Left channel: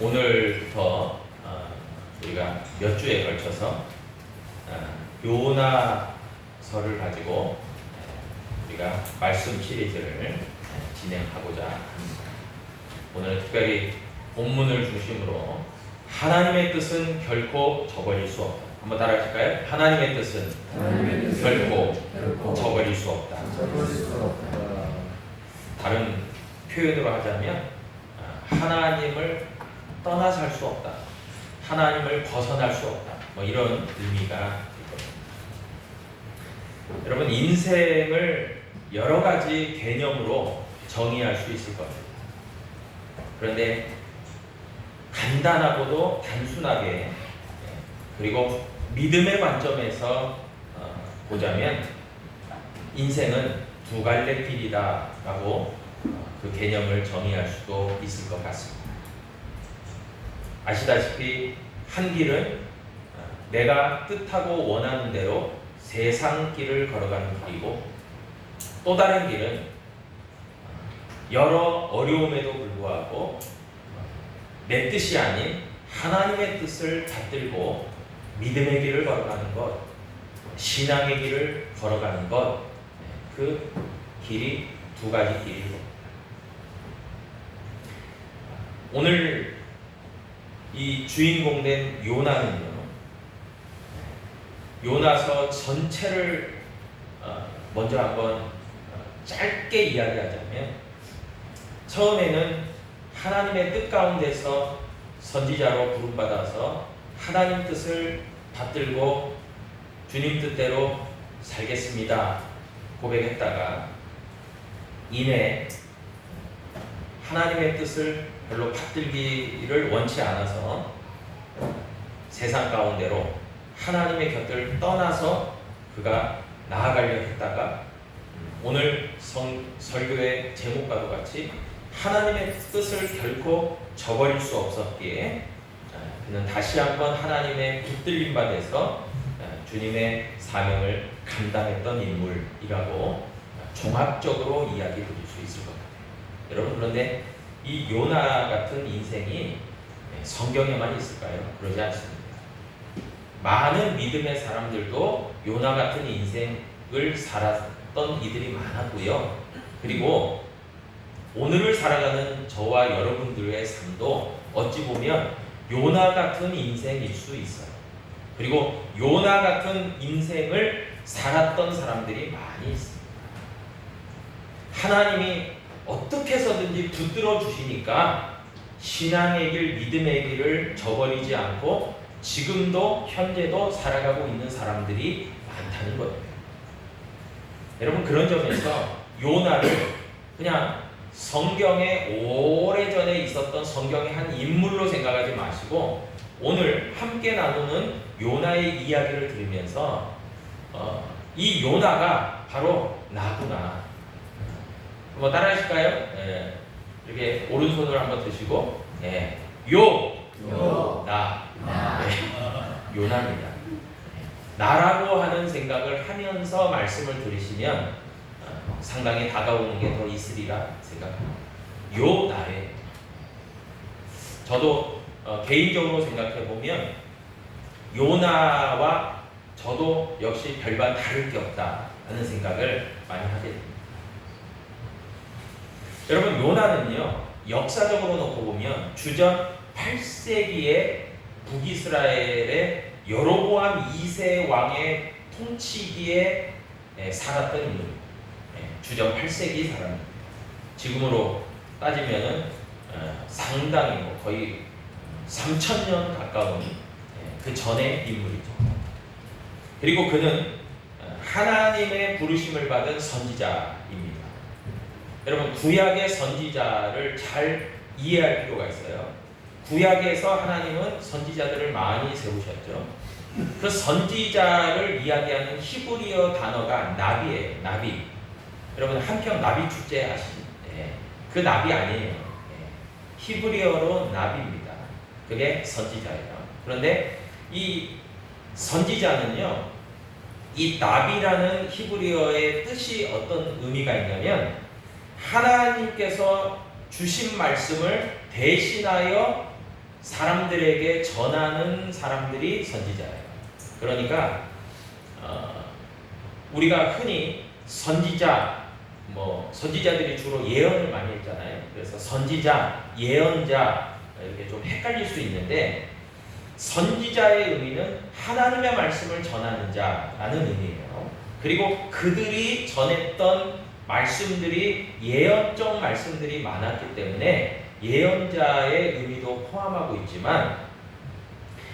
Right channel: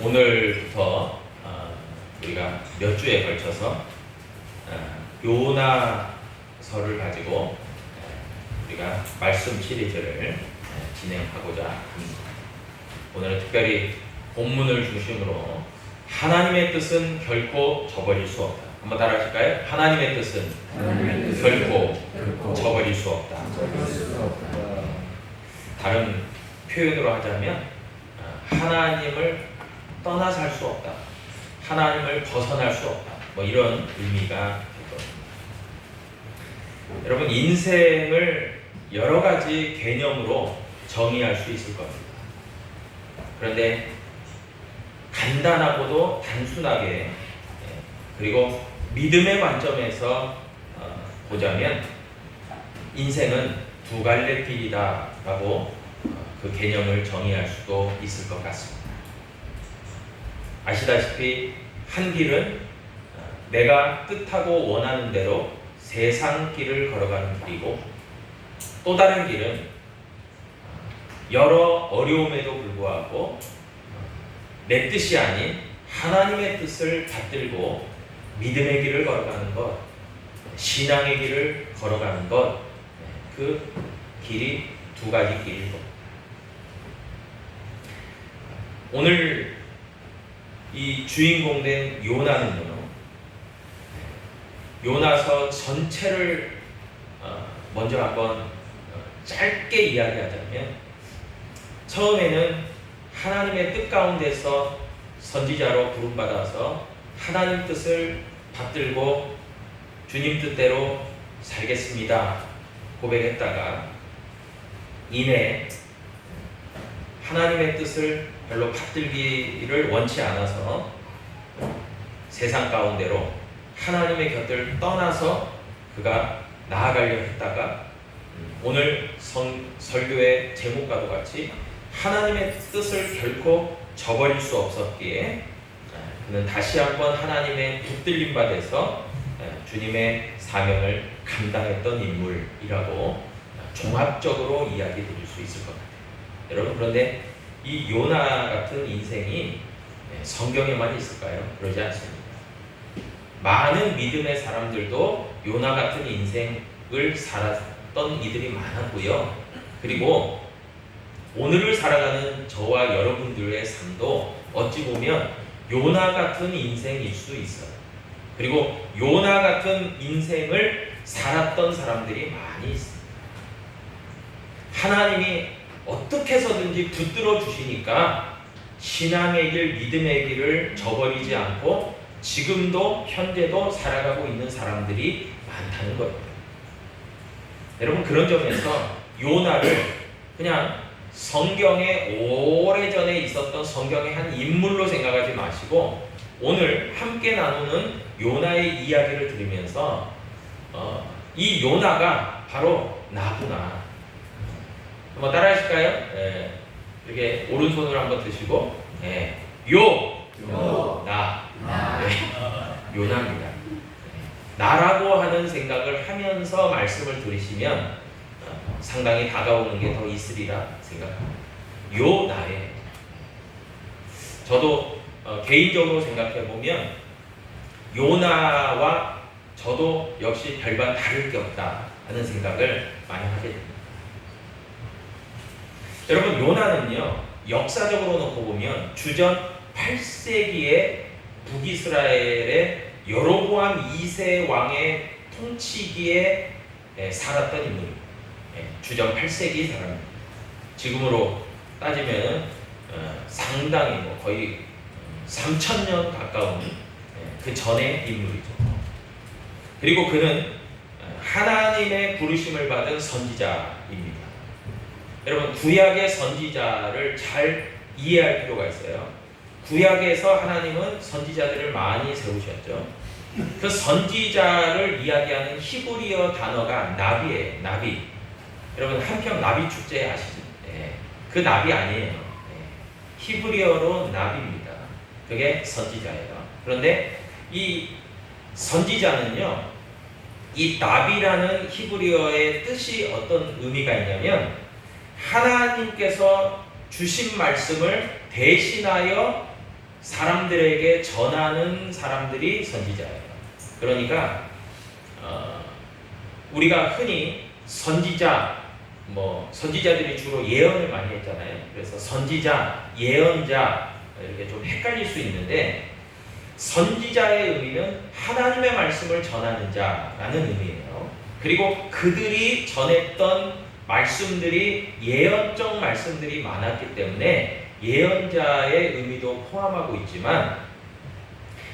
오늘부터 우리가 몇 주에 걸쳐서 요나서를 가지고 우리가 말씀 시리즈를 진행하고자 합니다. 오늘 특별히 본문을 중심으로 하나님의 뜻은 결코 저버릴 수 없다. 한번 따라하실까요? 하나님의 뜻은 결코 저버릴 수 없다. 다른 표현으로 하자면 하나님을 떠나 살 수 없다. 하나님을 벗어날 수 없다. 뭐 이런 의미가 될 겁니다. 여러분, 인생을 여러 가지 개념으로 정의할 수 있을 겁니다. 그런데 간단하고도 단순하게 그리고 믿음의 관점에서 보자면 인생은 두 갈래 길이다라고 그 개념을 정의할 수도 있을 것 같습니다. 아시다시피 한 길은 내가 뜻하고 원하는 대로 세상 길을 걸어가는 길이고, 또 다른 길은 여러 어려움에도 불구하고 내 뜻이 아닌 하나님의 뜻을 받들고 믿음의 길을 걸어가는 것, 신앙의 길을 걸어가는 것, 그 길이 두 가지 길이고, 오늘 이 주인공 된 요나는요, 요나서 전체를 먼저 한번 짧게 이야기하자면, 처음에는 하나님의 뜻 가운데서 선지자로 부름받아서 하나님 뜻을 받들고 주님 뜻대로 살겠습니다 고백했다가 이내 하나님의 뜻을 별로 받들기를 원치 않아서 세상 가운데로 하나님의 곁을 떠나서 그가 나아가려 했다가 오늘 설교의 제목과도 같이 하나님의 뜻을 결코 저버릴 수 없었기에 그는 다시 한번 하나님의 붙들림 받아서 주님의 사명을 감당했던 인물이라고 종합적으로 이야기 드릴 수 있을 것 같아요. 여러분, 그런데 이 요나 같은 인생이 성경에만 있을까요? 그러지 않습니다. 많은 믿음의 사람들도 요나 같은 인생을 살았던 이들이 많았고요. 그리고 오늘을 살아가는 저와 여러분들의 삶도 어찌 보면 요나 같은 인생일 수 있어요. 그리고 요나 같은 인생을 살았던 사람들이 많이 있습니다. 하나님이 어떻게 해서든지 붙들어 주시니까 신앙의 길, 믿음의 길을 저버리지 않고 지금도 현재도 살아가고 있는 사람들이 많다는 거예요. 여러분, 그런 점에서 요나를 그냥 성경에 오래전에 있었던 성경의 한 인물로 생각하지 마시고 오늘 함께 나누는 요나의 이야기를 들으면서 이 요나가 바로 나구나. 한번 따라하실까요? 네. 이렇게 오른손으로 한번 드시고 나. 네. 요나입니다. 나라고 하는 생각을 하면서 말씀을 들으시면 상당히 다가오는 게 더 있으리라 생각합니다. 나예요. 저도 개인적으로 생각해 보면 요나와 저도 역시 별반 다를 게 없다 하는 생각을 많이 하게 됩니다. 여러분, 요나는요, 역사적으로 놓고 보면 주전 8세기에 북이스라엘의 여로보암 2세 왕의 통치기에 살았던 인물입니다. 주전 8세기 사람입니다. 지금으로 따지면 상당히 거의 3,000년 가까운 그 전의 인물이죠. 그리고 그는 하나님의 부르심을 받은 선지자입니다. 여러분, 구약의 선지자를 잘 이해할 필요가 있어요. 구약에서 하나님은 선지자들을 많이 세우셨죠. 그 선지자를 이야기하는 히브리어 단어가 나비예요. 나비. 여러분, 한평 나비 축제 아시죠? 그 나비 아니에요. 히브리어로 나비입니다. 그게 선지자예요. 그런데 이 선지자는요, 이 나비라는 히브리어의 뜻이 어떤 의미가 있냐면 하나님께서 주신 말씀을 대신하여 사람들에게 전하는 사람들이 선지자예요. 그러니까 우리가 흔히 선지자, 선지자들이 주로 예언을 많이 했잖아요. 그래서 선지자, 예언자 이렇게 좀 헷갈릴 수 있는데, 선지자의 의미는 하나님의 말씀을 전하는 자라는 의미예요. 그리고 그들이 전했던 말씀들이 예언적 말씀들이 많았기 때문에 예언자의 의미도 포함하고 있지만,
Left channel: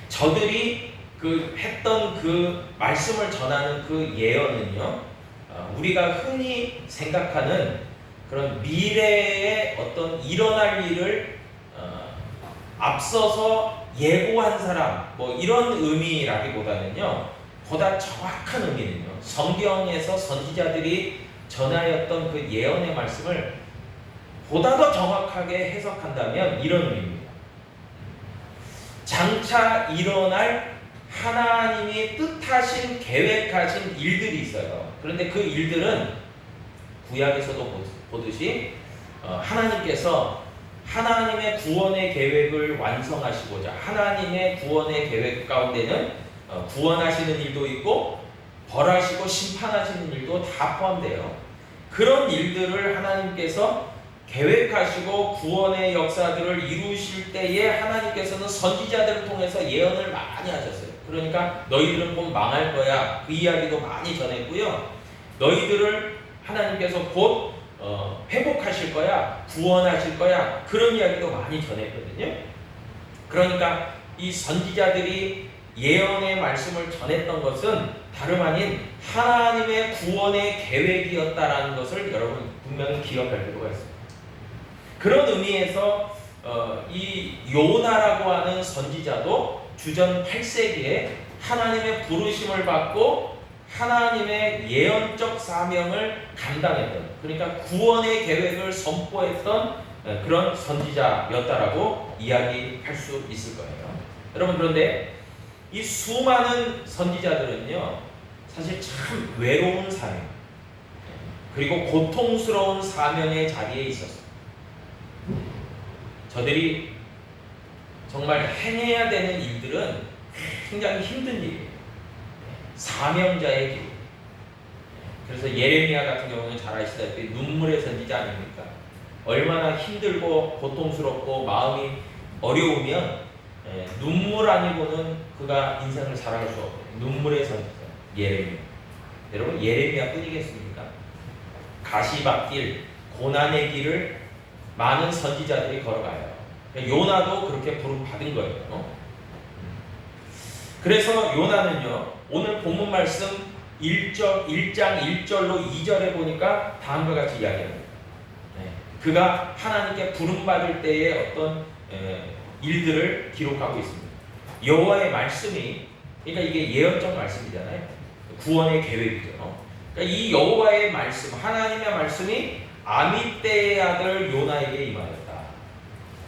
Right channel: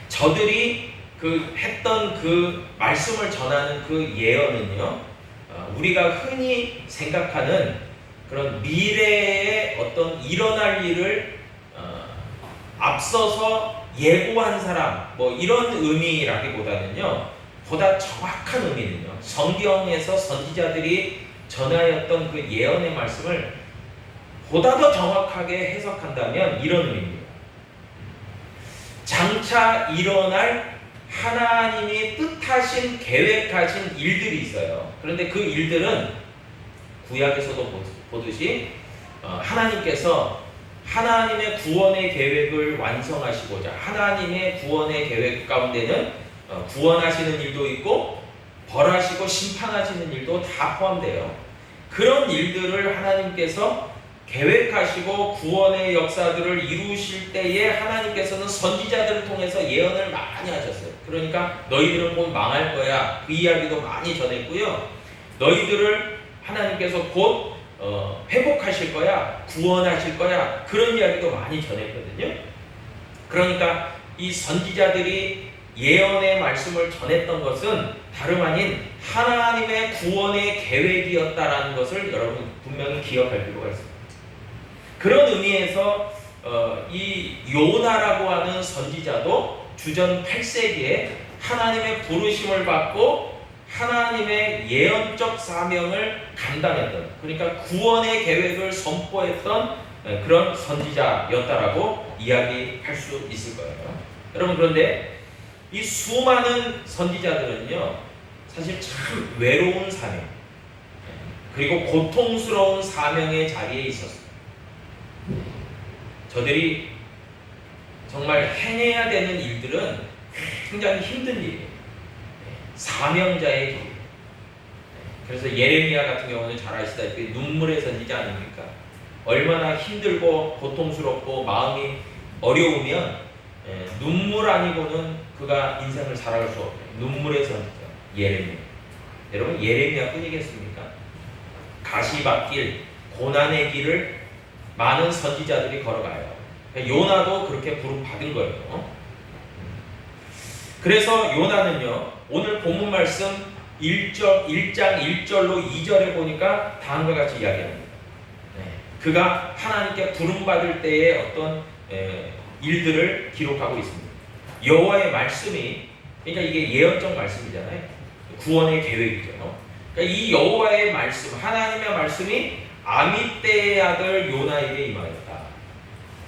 저들이 했던 그 말씀을 전하는 그 예언은요, 우리가 흔히 생각하는 그런 미래의 어떤 일어날 일을 앞서서 예고한 사람, 이런 의미라기보다는요, 보다 정확한 의미는요, 성경에서 선지자들이 전하였던 그 예언의 말씀을 보다 더 정확하게 해석한다면 이런 의미입니다. 장차 일어날 하나님이 뜻하신, 계획하신 일들이 있어요. 그런데 그 일들은 구약에서도 보듯이 하나님께서 하나님의 구원의 계획을 완성하시고자, 하나님의 구원의 계획 가운데는 구원하시는 일도 있고 벌하시고 심판하시는 일도 다 포함돼요. 그런 일들을 하나님께서 계획하시고 구원의 역사들을 이루실 때에 하나님께서는 선지자들을 통해서 예언을 많이 하셨어요. 그러니까 너희들은 곧 망할 거야, 그 이야기도 많이 전했고요. 너희들을 하나님께서 곧 회복하실 거야, 구원하실 거야, 그런 이야기도 많이 전했거든요. 그러니까 이 선지자들이 예언의 말씀을 전했던 것은 다름 아닌 하나님의 구원의 계획이었다라는 것을 여러분 분명히 기억할 필요가 있습니다. 그런 의미에서 이 요나라고 하는 선지자도 주전 8세기에 하나님의 부르심을 받고 하나님의 예언적 사명을 감당했던, 그러니까 구원의 계획을 선포했던 그런 선지자였다라고 이야기할 수 있을 거예요. 여러분, 그런데 이 수많은 선지자들은요, 사실 참 외로운 사명, 그리고 고통스러운 사명의 자리에 있었습니다. 저들이 정말 행해야 되는 일들은 굉장히 힘든 일이에요. 사명자의 길. 그래서 예레미야 같은 경우는 잘 아시다시피 눈물의 선지자 아닙니까? 얼마나 힘들고 고통스럽고 마음이 어려우면 눈물 아니고는 그가 인생을 살아갈 수 없어요. 눈물의 선지자 예레미야. 여러분, 예레미야 뿐이겠습니까? 가시밭길, 고난의 길을 많은 선지자들이 걸어가요. 요나도 그렇게 부름 받은 거예요. 그래서 요나는요, 오늘 본문 말씀 1장 1절로 2절에 보니까 다음과 같이 이야기합니다. 그가 하나님께 부름 받을 때의 어떤 일들을 기록하고 있습니다. 여호와의 말씀이, 그러니까 이게 예언적 말씀이잖아요. 구원의 계획이죠. 그러니까 이 여호와의 말씀, 하나님의 말씀이 아미떼의 아들 요나에게 임하였다.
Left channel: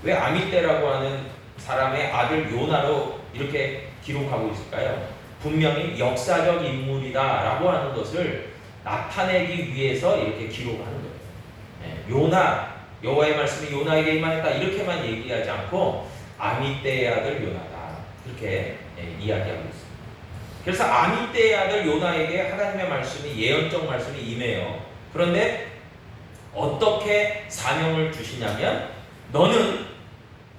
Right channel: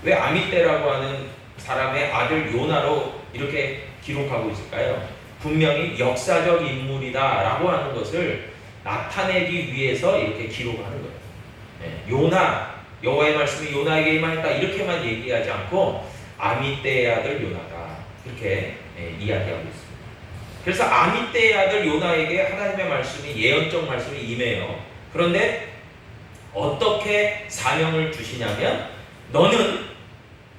왜 아미떼라고 하는 사람의 아들 요나로 이렇게 기록하고 있을까요? 분명히 역사적 인물이다라고 하는 것을 나타내기 위해서 이렇게 기록하는 거예요. 요나, 여호와의 말씀이 요나에게 임하였다 이렇게만 얘기하지 않고 아미떼의 아들 요나다 이렇게 이야기하고 있습니다. 그래서 아미떼의 아들 요나에게 하나님의 말씀이, 예언적 말씀이 임해요. 그런데 어떻게 사명을 주시냐면, 너는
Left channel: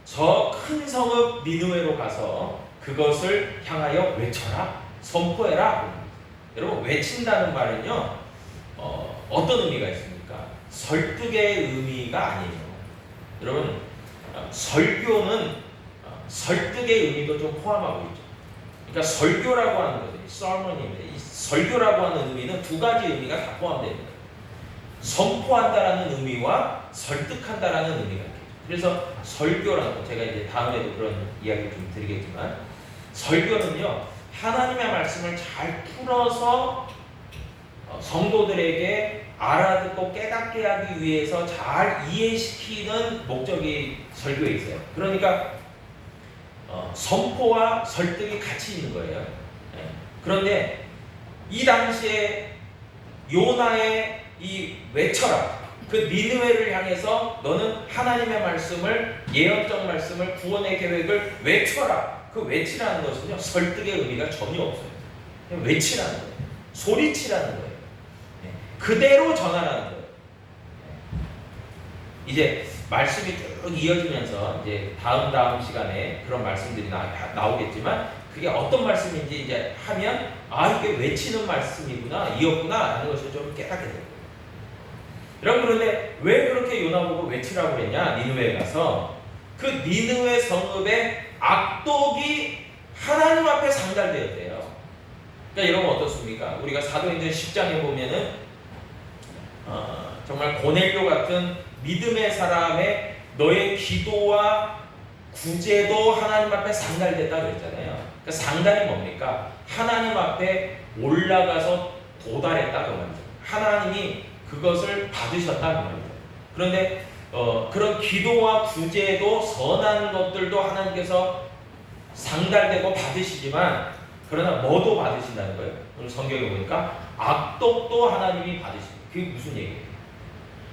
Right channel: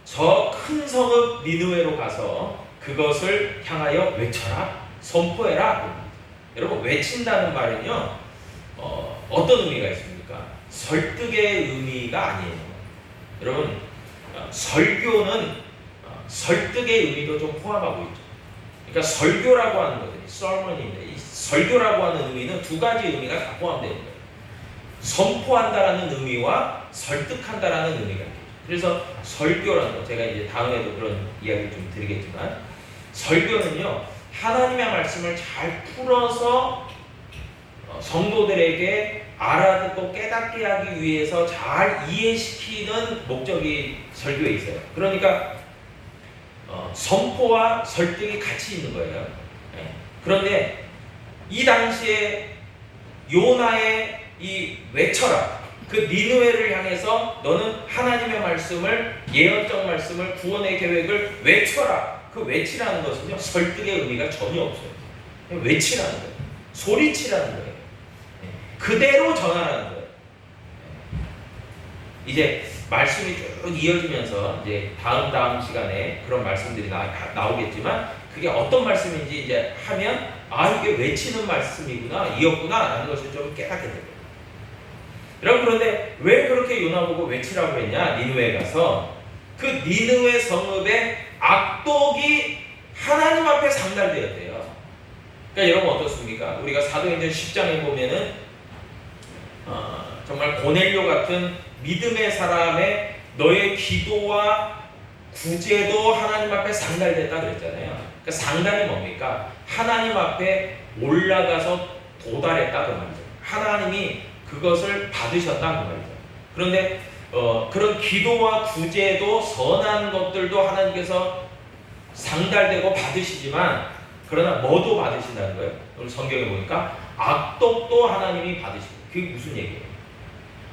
저 큰 성읍 니느웨로 가서 그것을 향하여 외쳐라, 선포해라. 여러분, 외친다는 말은요, 어떤 의미가 있습니까? 설득의 의미가 아니에요. 여러분, 설교는 설득의 의미도 좀 포함하고 있죠. 그러니까 설교라고 하는 것들이 sermon인데, 이 설교라고 하는 의미는 두 가지 의미가 다 포함되어 있는 거예요. 선포한다라는 의미와 설득한다라는 의미가 있죠. 그래서 설교라는 거, 제가 이제 다음에도 그런 이야기를 좀 드리겠지만, 설교는요, 하나님의 말씀을 잘 풀어서 성도들에게 알아듣고 깨닫게 하기 위해서 잘 이해시키는 목적이 설교에 있어요. 그러니까 선포와 설득이 같이 있는 거예요. 그런데 이 당시에 요나의 이 외쳐라, 그 니느웨를 향해서 너는 하나님의 말씀을, 예언적 말씀을, 구원의 계획을 외쳐라. 그 외치라는 것은요, 설득의 의미가 전혀 없어요. 그냥 외치라는 거예요. 소리치라는 거예요. 그대로 전하라는 거예요. 이제 말씀이 쭉 이어지면서 이제 다음 시간에 그런 말씀들이 나오겠지만, 그게 어떤 말씀인지 이제 하면 이게 외치는 말씀이구나, 이었구나 라는 것을 좀 깨닫게 됩니다. 여러분, 그런데 왜 그렇게 요나 보고 외치라고 했냐? 니느웨에 가서 그 니느웨 성읍의 악독이 하나님 앞에 상달되었대요. 그러니까 여러분 어떻습니까? 우리가 사도행전 10장에 보면은 정말 고넬료 같은 믿음의 사람의 너의 기도와 구제도 하나님 앞에 상달됐다 그랬잖아요. 그러니까 상달이 뭡니까? 하나님 앞에 올라가서 도달했다 그 말이죠. 하나님이 그것을 받으셨다 그 말이죠. 그런데 그런 기도와 구제도, 선한 것들도 하나님께서 상달되고 받으시지만, 그러나 뭐도 받으신다는 거예요. 오늘 성경에 보니까 악독도 하나님이 받으시고, 그게 무슨 얘기예요?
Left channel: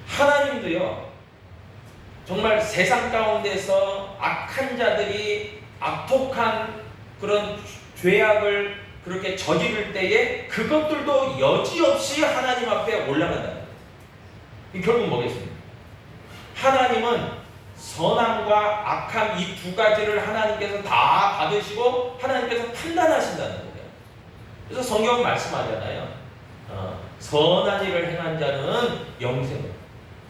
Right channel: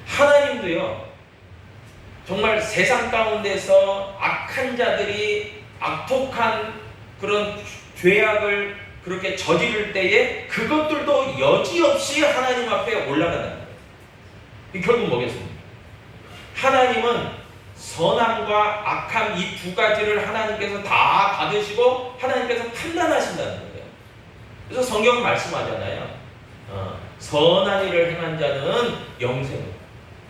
하나님도요, 정말 세상 가운데서 악한 자들이 악독한 그런 죄악을 그렇게 저지를 때에 그것들도 여지없이 하나님 앞에 올라간다는 거예요. 결국 뭐겠습니까? 하나님은 선함과 악함 이 두 가지를 하나님께서 다 받으시고 하나님께서 판단하신다는 거예요. 그래서 성경은 말씀하잖아요. 선한 일을 행한 자는 영생,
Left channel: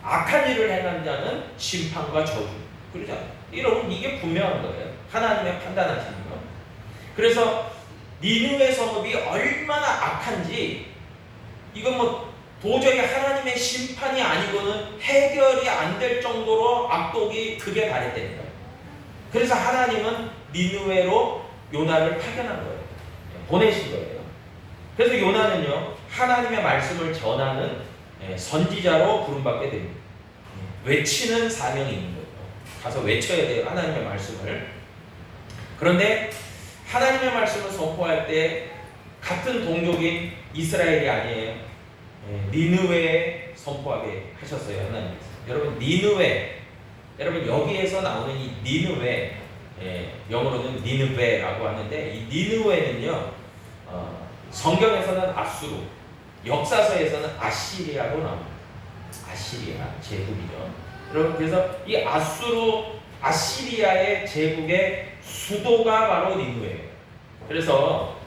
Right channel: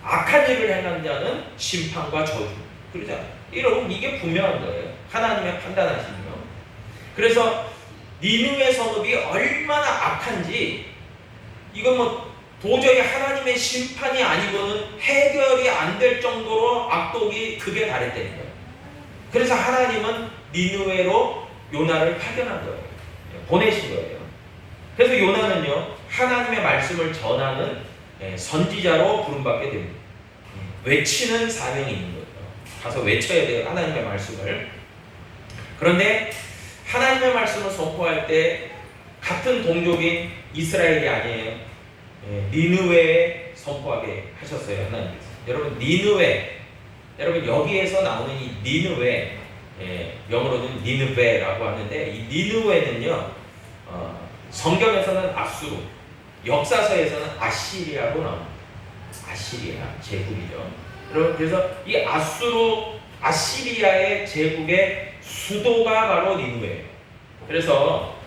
악한 일을 행한 자는 심판과 저주. 그러잖아요. 여러분, 이게 분명한 거예요. 하나님의 판단하심이요. 그래서 니느웨 성읍이 얼마나 악한지, 이건 뭐 도저히 하나님의 심판이 아니고는 해결이 안 될 정도로 악독이 극에 달했다는 거예요. 그래서 하나님은 니느웨로 요나를 파견한 거예요. 보내신 거예요. 그래서 요나는요, 하나님의 말씀을 전하는 선지자로 부름받게 됩니다. 외치는 사명이 있는 거예요. 가서 외쳐야 돼요, 하나님의 말씀을. 그런데 하나님의 말씀을 선포할 때 같은 동족인 이스라엘이 아니에요. 니느웨에 선포하게 하셨어요, 하나님께서. 여러분, 니느웨, 여러분 여기에서 나오는 이 니느웨, 영어로는 니느베라고 하는데, 이 니느웨는요, 성경에서는 아수르, 역사서에서는 아시리아로 나옵니다. 아시리아 제국이죠. 여러분, 그래서 이 아시리아의 제국의 수도가 바로 니느웨예요. 그래서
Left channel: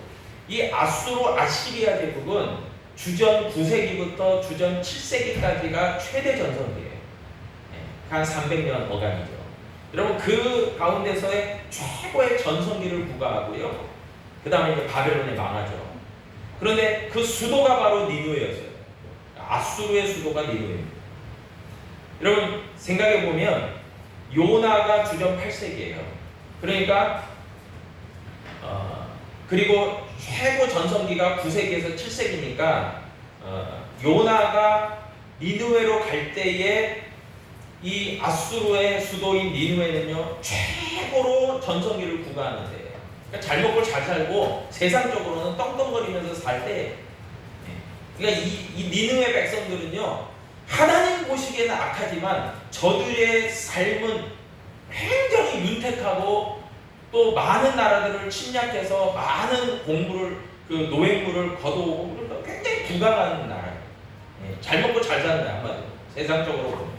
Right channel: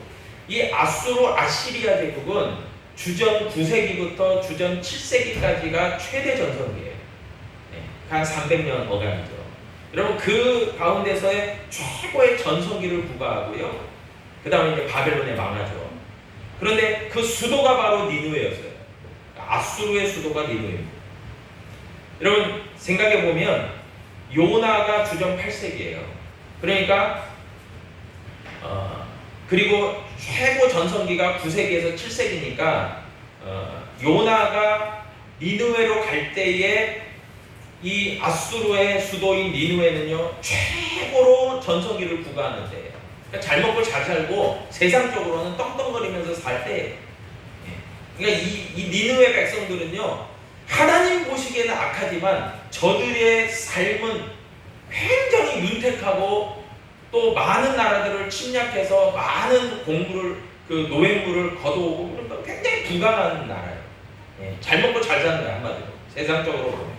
이 아시리아 제국은 주전 9세기부터 주전 7세기까지가 최대 전성기예요. 한 300년 어간이죠. 여러분, 그 가운데서의 최고의 전성기를 부과하고요. 그 다음에 이제 바벨론에 망하죠. 그런데 그 수도가 바로 니느웨였어요. 아수르의 수도가 니느웨입니다. 여러분, 생각해 보면 요나가 주전 8세기예요. 그러니까 그리고 최고 전성기가 9세기에서 7세기니까 요나가 니느웨로 갈 때에 이 아수르의 수도인 니느웨는요, 최고로 전성기를 부과하는데, 그러니까 잘 먹고 잘 살고 세상적으로는 떵떵거리면서 살 때, 그러니까 이 니느웨 백성들은요, 하나님 보시기에는 악하지만 저들의 삶은 굉장히 윤택하고 또 많은 나라들을 침략해서 많은 노획물을 거둬오고, 그러니까 굉장히 부강한 나라예요. 잘 먹고 잘 사는 나라, 한마디로 세상적으로 보면.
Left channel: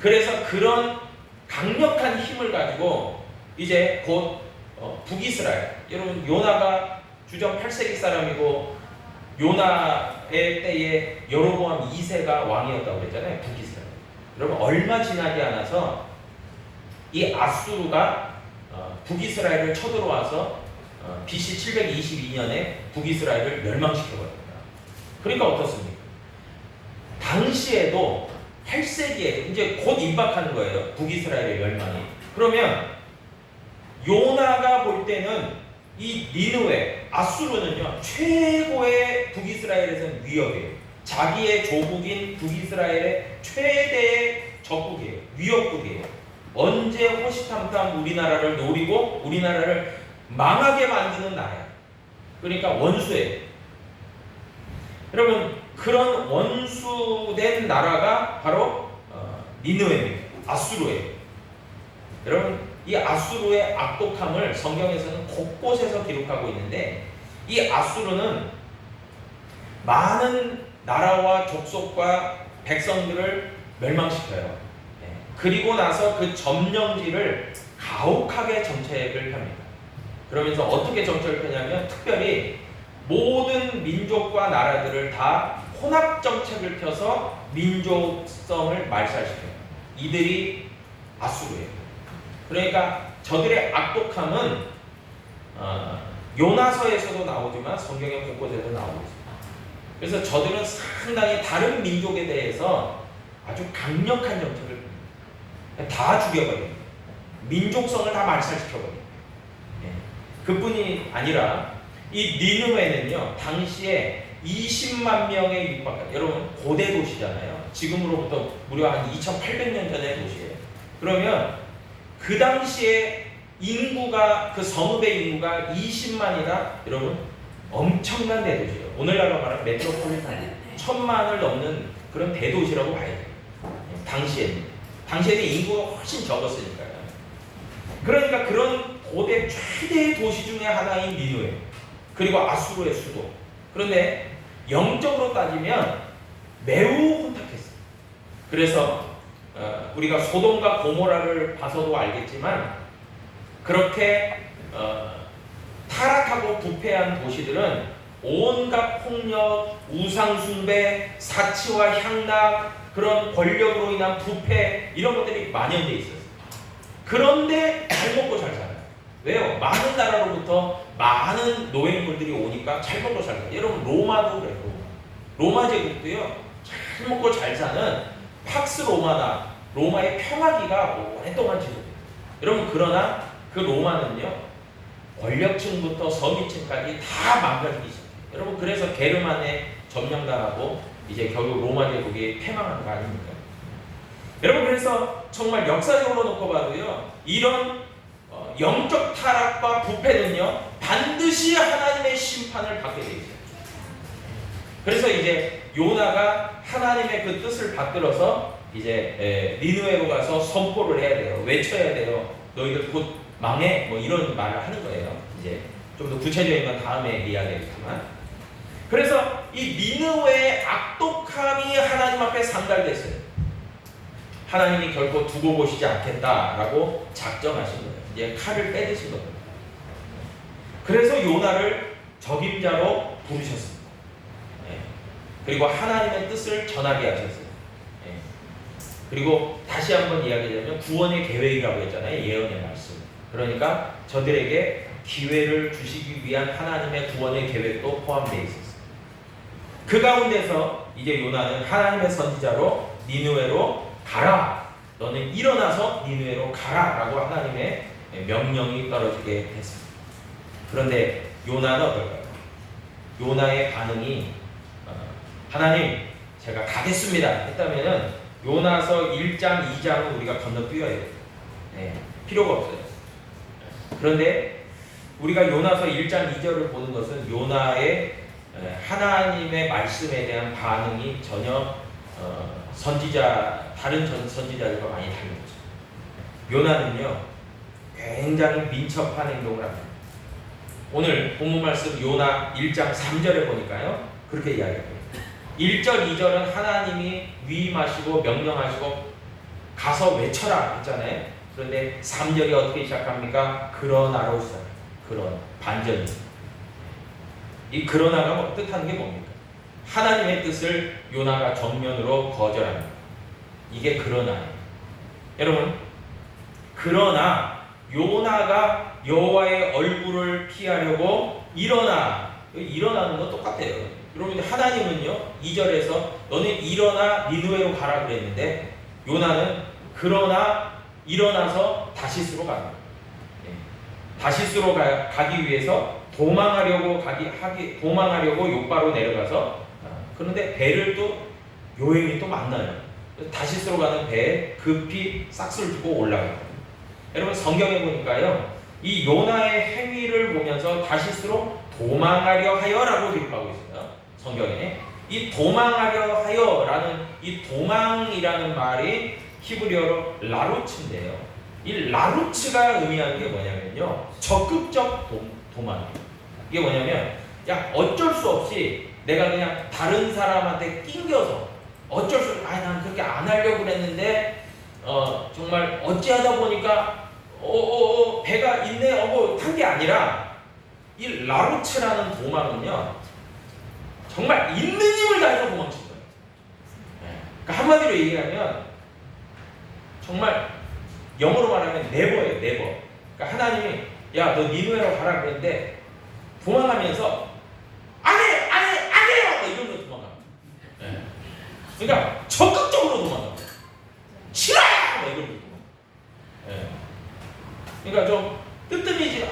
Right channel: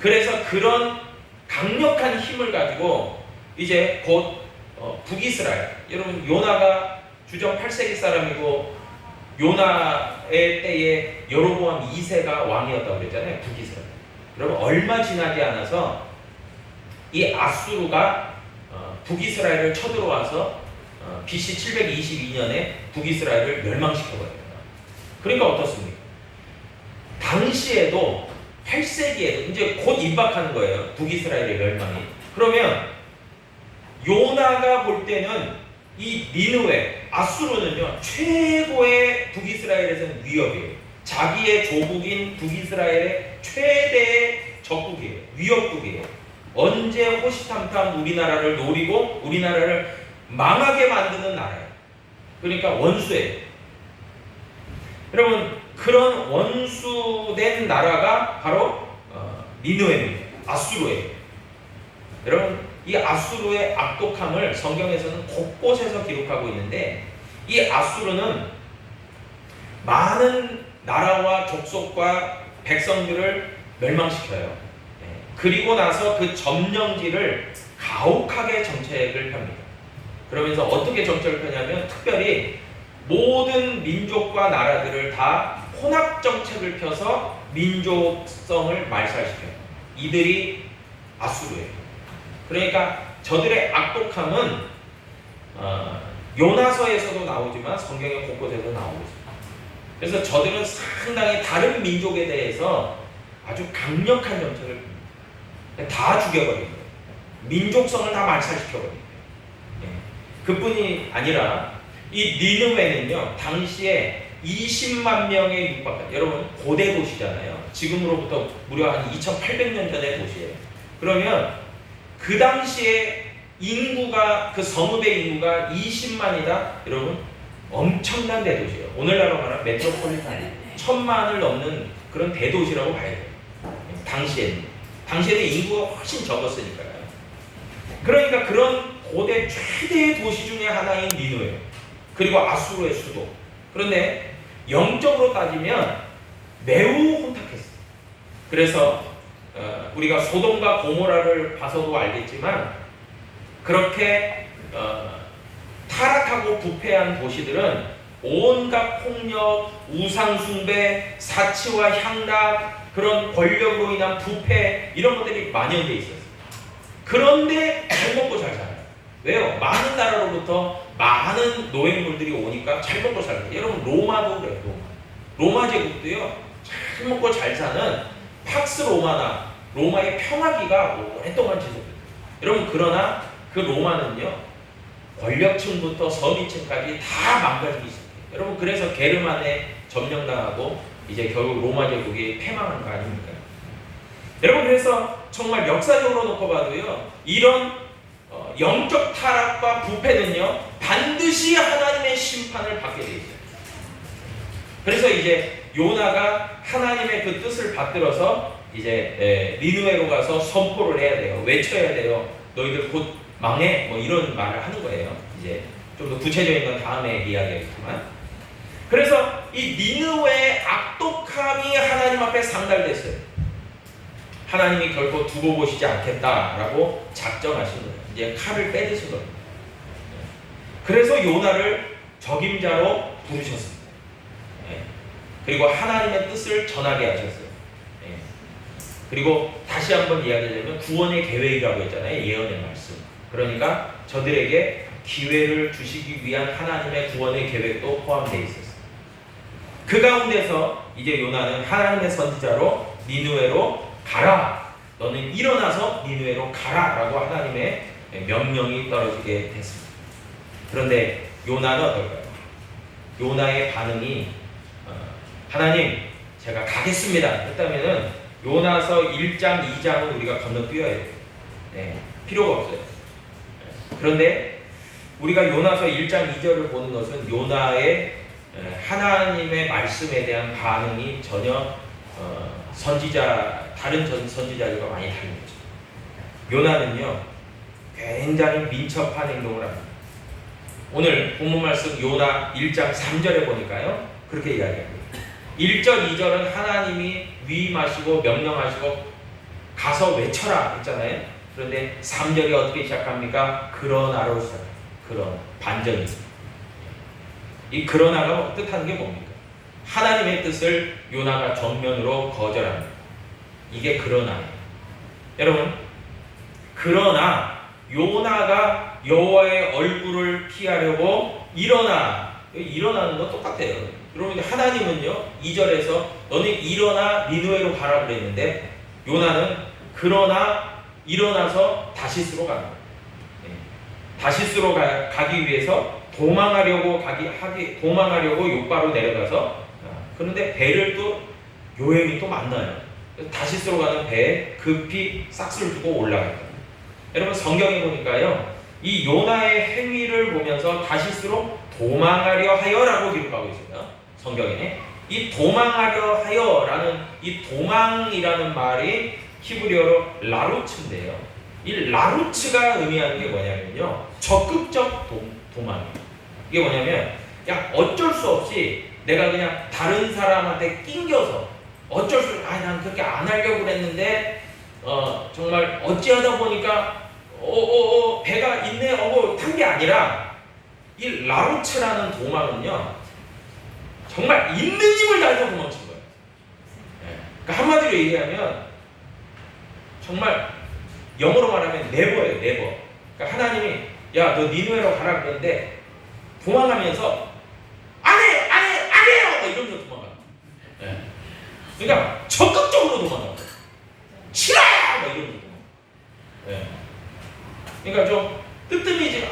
그래서 그런 강력한 힘을 가지고 이제 곧 북이스라엘, 여러분 요나가 주전 8세기 사람이고 요나의 때에 여로보암 2세가 왕이었다고 그랬잖아요. 북이스라엘. 여러분, 얼마 지나지 않아서 이 아수르가 북이스라엘을 쳐들어와서 BC 722년에 북이스라엘을 멸망시켜버립니다. 그러니까 어떻습니까? 당시에도 8세기에 이제 곧 임박하는 거예요. 북이스라엘의 멸망이. 그러면 요나가 볼 때는 이 니느웨, 아수르는요, 최고의 북이스라엘에서는 위협이에요. 자기의 조국인 북이스라엘의 최대의 적국이에요. 위협국이에요. 언제 호시탐탐 우리나라를 노리고 우리나라를 망하게 만드는 나라예요. 그러니까 원수예요. 여러분, 그런 원수된 나라가 바로 니느웨입니다. 아수르예요. 여러분, 이 아수르의 악독함을 성경에서는 곳곳에서 기록하고 있는데, 이 아수르는 많은 나라와 족속과 백성들을 멸망시켜요. 그리고 나서 그 점령지를 가혹하게 정책을 펴니다. 그러면서 어떻게 정책을 펴냐면, 특별히 모든 민족과 나라들을 다 혼합 정책을 펴서 민족성을 말살시켜요. 이들이 아수르예요. 그러니까 저들의 악독함은 요나서에서도 나오지만 성경의 곳곳에서 나오고 있습니다. 그래서 저들은 상당히 다른 민족에 대해서 아주 강력한 정책을 펴니다. 다 죽여버립니다. 민족성을 다 말살시켜버립니다. 그뿐이 아니라 이 니느웨는요, 당시에 20만 명에 육박한, 여러분 고대 도시잖아요. 지금으로부터 무려 한 2,800년 전의 도시예요. 그러면 그 당시에 인구가, 그 성읍의 인구가 20만이다. 여러분 엄청난 대도시예요. 오늘날로 말하면 메트로폴리탄 1,000만을 넘는 그런 대도시라고 봐야 돼요. 당시에는 인구가 훨씬 적었으니까요. 그러니까 그런 고대 최대의 도시 중에 하나인 니느웨, 그리고 아수르의 수도. 그런데 영적으로 따지면 매우 혼탁했어요. 그래서 우리가 소돔과 고모라를 봐서도 알겠지만, 그렇게 타락하고 부패한 도시들은 온갖 폭력, 우상숭배, 사치와 향락, 그런 권력으로 인한 부패, 이런 것들이 만연돼 있었어요. 그런데 잘 먹고 잘 살아요. 왜요? 많은 나라로부터 많은 노예물들이 오니까 잘 먹고 잘 살아요. 여러분 로마도 그래요. 로마 제국도요, 잘 먹고 잘 사는 팍스 로마나 로마의 평화기가 오랫동안 지속돼요. 여러분, 그러나 그 로마는요, 권력층부터 서민층까지 다 망가지기 시작해요. 여러분, 그래서 게르만에 점령당하고 이제 결국 로마 제국이 패망한 거 아닙니까? 여러분, 그래서 정말 역사적으로 놓고 봐도요, 이런 영적 타락과 부패는요, 반드시 하나님의 심판을 받게 되어 있어요. 그래서 이제 요나가 하나님의 그 뜻을 받들어서 이제 니느웨로 가서 선포를 해야 돼요. 외쳐야 돼요. 너희들 곧 망해. 뭐 이런 말을 하는 거예요. 이제 좀 더 구체적인 건 다음에 이야기하겠지만, 그래서 이 니느웨의 악독함이 하나님 앞에 상달됐어요. 하나님이 결코 두고 보시지 않겠다라고 작정하신 거예요. 이제 칼을 빼드신 겁니다. 그래서 요나를 적임자로 부르셨습니다. 그리고 하나님의 뜻을 전하게 하셨어요. 그리고 다시 한번 이야기하자면 구원의 계획이라고 했잖아요. 예언의 말씀. 그러니까 저들에게 기회를 주시기 위한 하나님의 구원의 계획도 포함되어 있었어요. 그 가운데서 이제 요나는 하나님의 선지자로 니느웨로 가라. 너는 일어나서 니느웨로 가라. 라고 하나님의 명령이 떨어지게 됐습니다. 그런데 요나는 어떨까요? 요나의 반응이 하나님, 제가 가겠습니다 했다면은 요나서 1장, 2장은 우리가 건너뛰어야 돼요. 필요가 없어요. 그런데 우리가 요나서 1장, 2절을 보는 것은 요나의 하나님의 말씀에 대한 반응이 전혀 다른 선지자들과 많이 다른 거죠. 요나는요, 굉장히 민첩한 행동을 합니다. 오늘 본문 말씀 요나 1장 3절에 보니까요, 그렇게 이야기합니다. 1절, 2절은 하나님이 위임하시고 명령하시고 가서 외쳐라 했잖아요. 그런데 3절이 어떻게 시작합니까? 그러나로 시작해요. 그런 반전이. 이 그러나가 뜻하는 게 뭡니까? 하나님의 뜻을 요나가 정면으로 거절합니다. 이게 그러나예요. 여러분, 그러나 요나가 여호와의 얼굴을 피하려고 일어나는 건 똑같아요. 여러분, 하나님은요 2절에서 너는 일어나 니느웨로 가라 그랬는데, 요나는 그러나 일어나서 다시스로 갑니다. 다시스로 가기 위해서 도망하려고 요바로 내려가서, 그런데 배를 또 요행이 또 만나요. 다시스로 가는 배에 급히 싹스를 주고 올라가요. 여러분, 성경에 보니까요, 이 요나의 행위를 보면서 다시스로 도망하려 하여라고 기록하고 있습니다. 성경에. 이 도망하려 하여라는 이 도망이라는 말이 히브리어로 라루츠인데요. 이 라루츠가 의미하는 게 뭐냐면요, 적극적 도망이에요. 이게 뭐냐면 야, 어쩔 수 없이 내가 그냥 다른 사람한테 낑겨서 어쩔 수 없이 난 그렇게 안 하려고 그랬는데 정말 어찌하다 보니까 배가 있네 탄 게 아니라 이 라루츠라는 도망은요 정말 있는 힘을 다해서 도망친 거예요. 그러니까 한마디로 얘기하면 정말 영어로 말하면 네버예요. 네버. 그러니까 하나님이 야, 너 니누에로 가라 그랬는데 도망가면서 안 해요 이러면서 도망가. 그러니까 적극적으로 도망가. 싫어요 이러면서 도망가. 그러니까 좀 뜨뜻미지.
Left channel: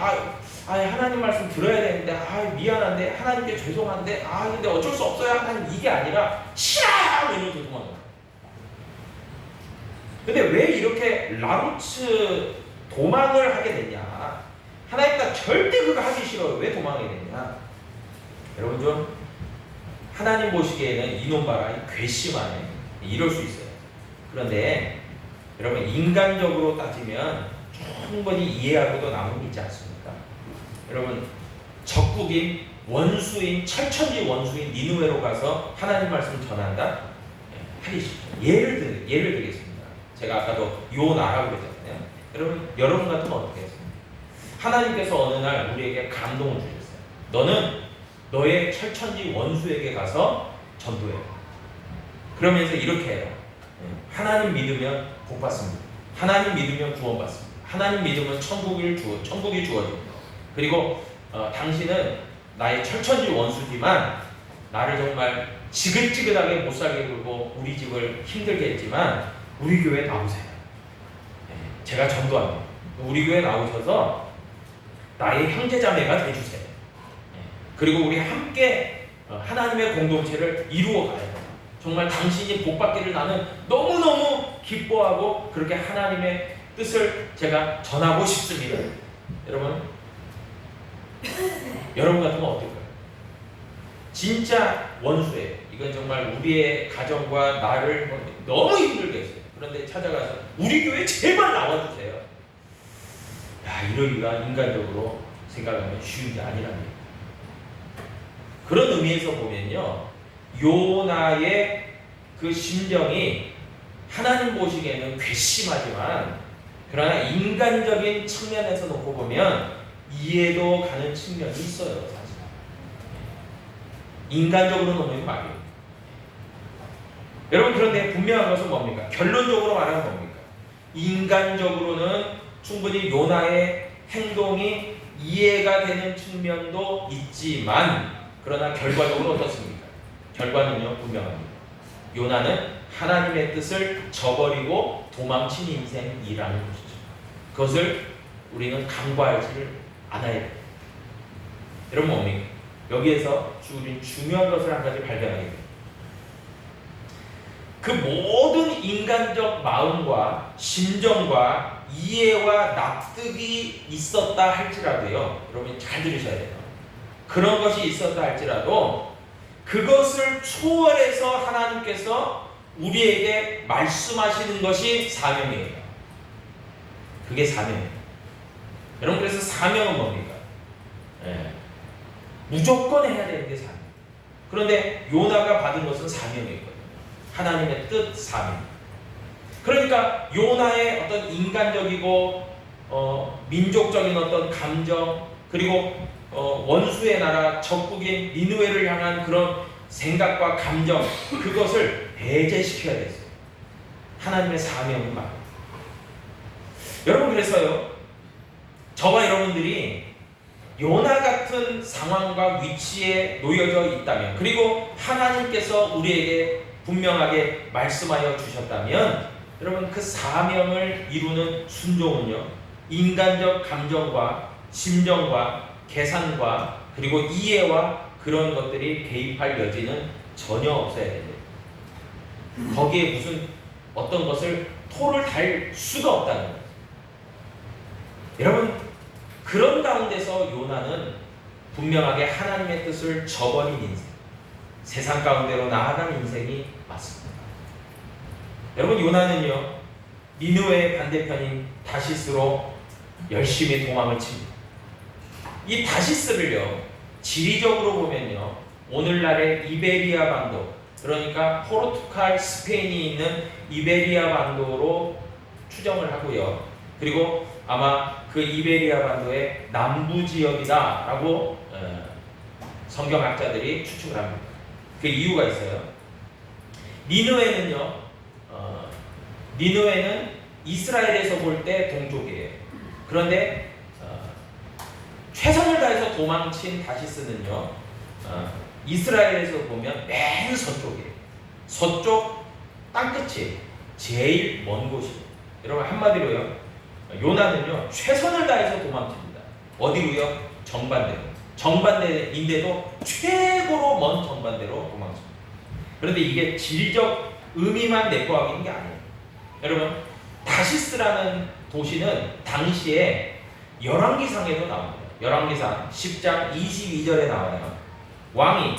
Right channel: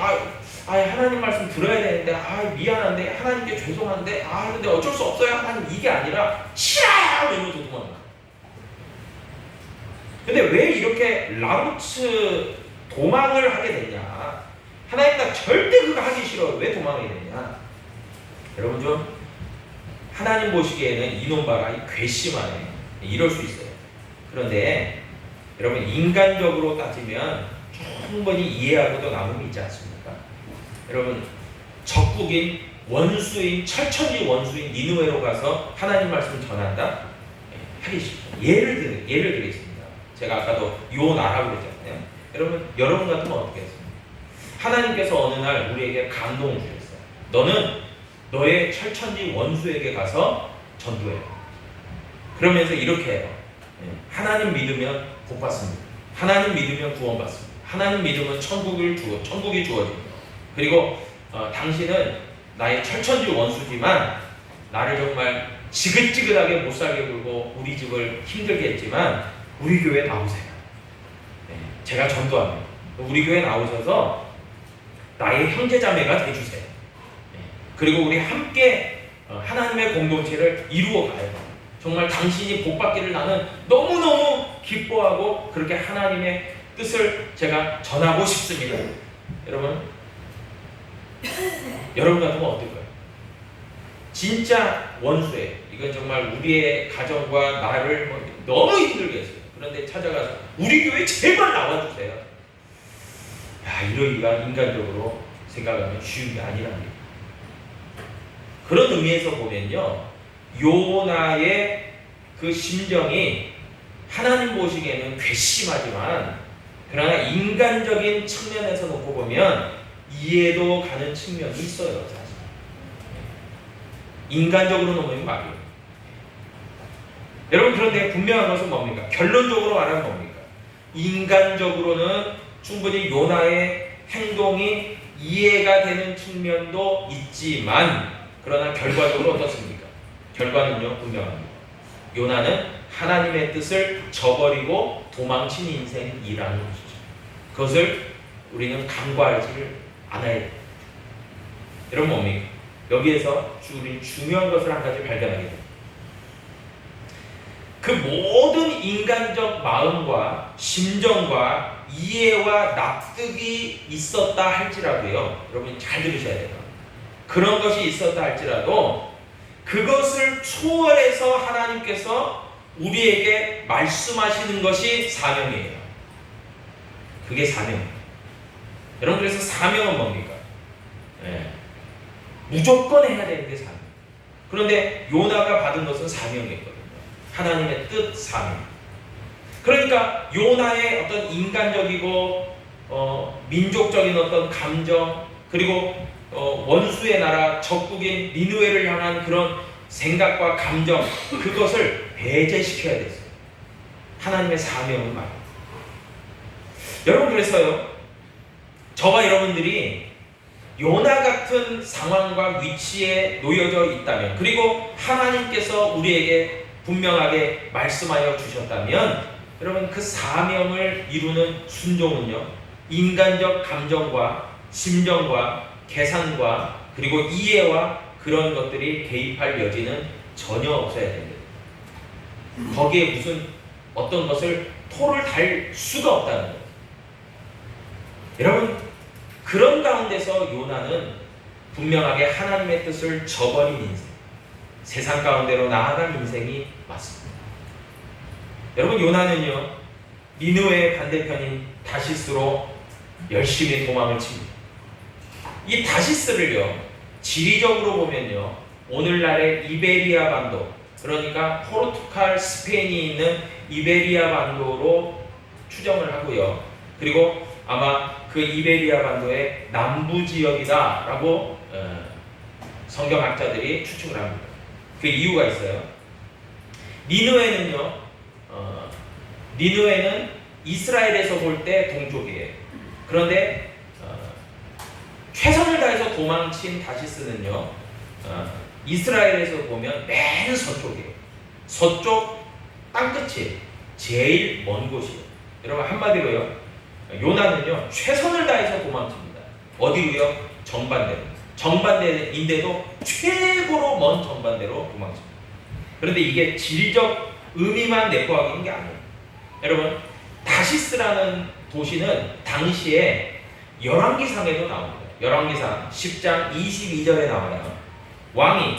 하나님 말씀 들어야 되는데 미안한데 하나님께 죄송한데 근데 어쩔 수 없어요 하나님, 이게 아니라 싫어요 이러면서 도망가. 근데 왜 이렇게 라루츠 도망을 하게 되냐? 하나님과 절대 그거 하기 싫어요. 왜 도망하게 되냐? 여러분 좀 하나님 보시기에는 이놈봐라 괘씸하네 이럴 수 있어요. 그런데 여러분 인간적으로 따지면 충분히 이해하고도 남음이 있지 않습니까? 여러분 적국인 원수인 철천지 원수인 니느웨로 가서 하나님 말씀 전한다? 하기 싫죠. 예를 들겠습니다. 제가 아까도 요 나라고 그랬잖아요. 여러분 같으면 어떻게 했습니까? 하나님께서 어느 날 우리에게 감동을 주셨어요. 너는 너의 철천지 원수에게 가서 전도해. 그러면서 이렇게 해요. 하나님 믿으면 복 받습니다. 하나님 믿으면 구원받습니다. 하나님 믿으면 천국이 주어집니다. 그리고 당신은 나의 철천지 원수지만 나를 정말 지긋지긋하게 못살게 굴고 우리 집을 힘들게 했지만 우리 교회에 나오세요. 제가 전도합니다. 우리 교회에 나오셔서 나의 형제자매가 되주세요. 그리고 우리 함께 하나님의 공동체를 이루어가요. 정말 당신이 복받기를 나는 너무너무 기뻐하고 그렇게 하나님의 뜻을 제가 전하고 싶습니다. 여러분 같으면 어떨까요? 진짜 원수예요. 이건 정말 우리의 가정과 나를 너무 힘들게 했어요. 그런데 찾아가서 우리 교회 제발 나와주세요. 이러기가 인간적으로 생각하면 쉬운 게 아니랍니다. 그런 의미에서 보면요, 요나의 그 심정이 하나님 보시기에는 괘씸하지만 그러나 인간적인 측면에서 놓고 보면 이해도 가는 측면이 있어요. 사실. 인간적으로 놓으면 말이에요. 여러분 그런데 분명한 것은 뭡니까? 결론적으로 말하면 뭡니까? 인간적으로는 충분히 요나의 행동이 이해가 되는 측면도 있지만 그러나 결과적으로 어떻습니까? 결과는요 분명합니다. 요나는 하나님의 뜻을 저버리고 도망친 인생이라는 것이죠. 그것을 우리는 간과하지를 않아야 됩니다. 여러분 뭡니까? 여기에서 우리 중요한 것을 한 가지 발견하게 됩니다. 그 모든 인간적 마음과 심정과 이해와 납득이 있었다 할지라도요, 여러분 잘 들으셔야 돼요. 그런 것이 있었다 할지라도 그것을 초월해서 하나님께서 우리에게 말씀하시는 것이 사명이에요. 그게 사명이에요. 여러분 그래서 사명은 뭡니까? 무조건 해야 되는 게 사명. 그런데 요나가 받은 것은 사명이었거든요. 하나님의 뜻, 사명. 그러니까 요나의 어떤 인간적이고 민족적인 어떤 감정, 그리고 원수의 나라 적국인 니느웨를 향한 그런 생각과 감정, 그것을 배제시켜야 됐어요. 하나님의 사명은 말이에요. 여러분 그래서요, 저와 여러분들이 요나 같은 상황과 위치에 놓여져 있다면, 그리고 하나님께서 우리에게 분명하게 말씀하여 주셨다면, 여러분 그 사명을 이루는 순종은요, 인간적 감정과 심정과 계산과 그리고 이해와 그런 것들이 개입할 여지는 전혀 없어야 됩니다. 거기에 무슨 어떤 것을 토를 달 수가 없다는 거예요. 여러분 그런 가운데서 요나는 분명하게 하나님의 뜻을 저버린 인생, 세상 가운데로 나아간 인생이 맞습니다. 여러분, 요나는요 니느웨의 반대편인 다시스로 열심히 도망을 칩니다. 이 다시스를요 지리적으로 보면요 오늘날의 이베리아 반도, 그러니까 포르투갈, 스페인이 있는 이베리아 반도로 추정을 하고요. 그리고 아마 그 이베리아 반도의 남부 지역이다라고 성경학자들이 추측을 합니다. 그 이유가 있어요. 니느웨는 이스라엘에서 볼 때 동쪽이에요. 그런데 최선을 다해서 도망친 다시스는요 이스라엘에서 보면 맨 서쪽이에요. 서쪽 땅끝이 제일 먼 곳이에요. 여러분, 한마디로요 요나는요 최선을 다해서 도망칩니다. 어디로요? 정반대로. 정반대인데도 최고로 먼 정반대로 도망칩니다. 그런데 이게 질적 의미만 내포하고 있는 게 아니에요. 여러분, 다시스라는 도시는 당시에 열왕기상에도 나옵니다. 열왕기상 10장 22절에 나와요. 왕이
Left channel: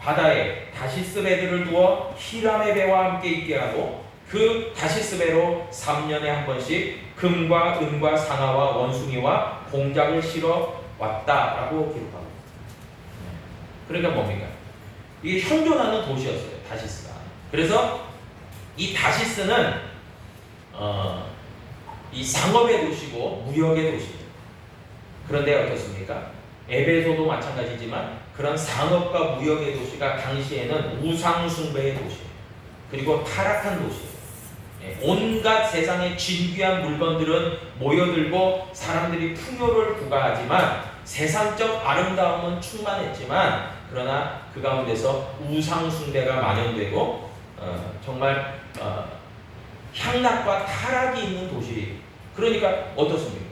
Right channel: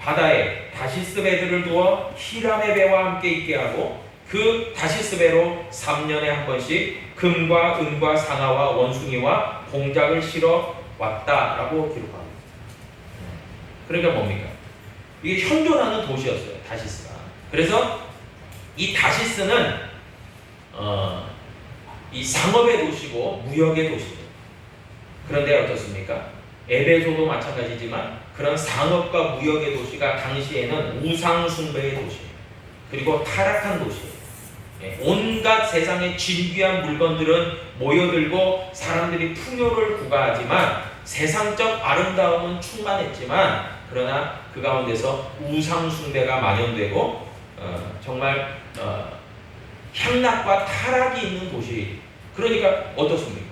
바다에 다시스 배들을 두어 히람의 배와 함께 있게 하고 그 다시스 배로 3년에 한 번씩 금과 은과 상아와 원숭이와 공작을 실어 왔다라고 기록합니다. 그러니까 뭡니까? 이게 현존하는 도시였어요, 다시스가. 그래서 이 다시스는 이 상업의 도시고 무역의 도시예요. 그런데 어떻습니까? 에베소도 마찬가지지만 그런 상업과 무역의 도시가 당시에는 우상숭배의 도시예요. 그리고 타락한 도시예요. 온갖 세상의 진귀한 물건들은 모여들고 사람들이 풍요를 부과하지만 세상적 아름다움은 충만했지만 그러나 그 가운데서 우상숭배가 만연되고 정말 향락과 타락이 있는 도시. 그러니까 어떻습니까?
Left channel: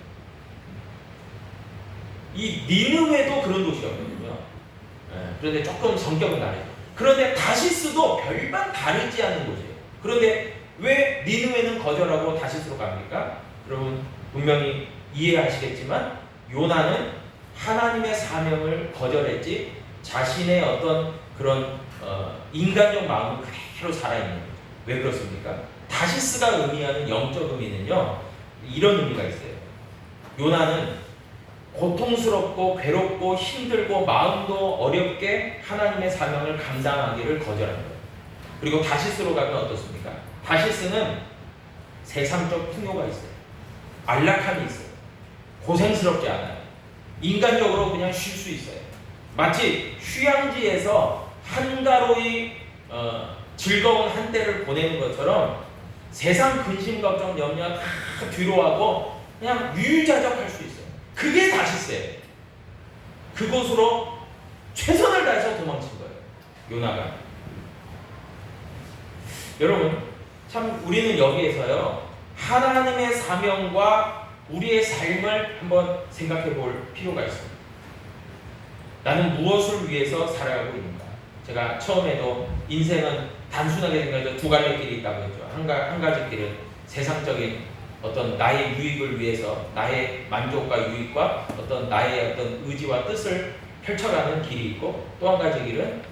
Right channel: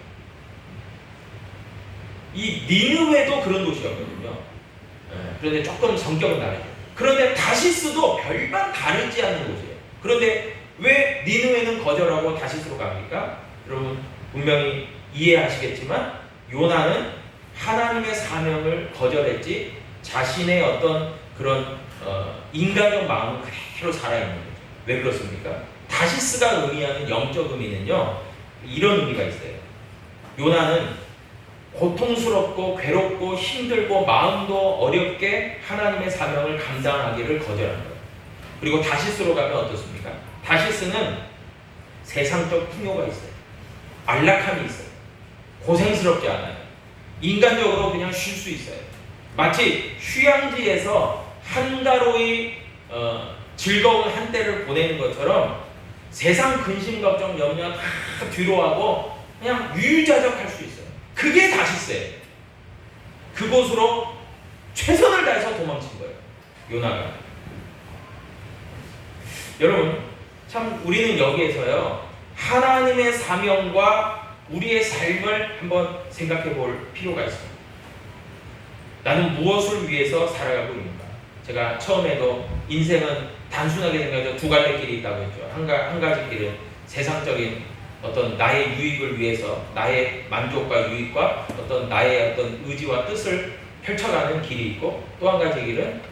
이 니느웨도 그런 도시였거든요. 그런데 조금 성격은 다르죠. 그런데 다시스도 별반 다르지 않은 곳이에요. 그런데 왜 니느웨는 거절하고 다시스로 갑니까? 여러분 분명히 이해하시겠지만 요나는 하나님의 사명을 거절했지 자신의 어떤 그런 인간적 마음은 그대로 살아있는 거예요. 왜 그렇습니까? 다시스가 의미하는 영적 의미는요 이런 의미가 있어요. 요나는 고통스럽고 괴롭고 힘들고 마음도 어렵게 하나님의 사명을 감당하기를 거절한 거예요. 그리고 다시스로 가면 어떻습니까? 다시스는 세상적 풍요가 있어요. 안락함이 있어요. 고생스럽지 않아요. 인간적으로 그냥 쉴 수 있어요. 마치 휴양지에서 한가로이 즐거운 한때를 보내는 것처럼 세상 근심 걱정 염려 다 뒤로 하고 그냥 유유자적할 수 있어요. 그게 다시스예요. 그곳으로 최선을 다해서 도망친 거예요. 요나가. 여러분, 참 우리는 여기에서요 하나님의 사명과 우리의 삶을 한번 생각해 볼 필요가 있습니다. 나는 무엇을 위해서 살아가고 있는가? 제가 처음에도 인생은 단순하게 생각해서 두 갈래 길이 있다고 했죠. 한 가지 길은 세상적인 어떤 나의 유익을 위해서 나의 만족과 유익과 어떤 나의 어떤 의지와 뜻을 펼쳐가는 길이 있고 또 한 가지 길은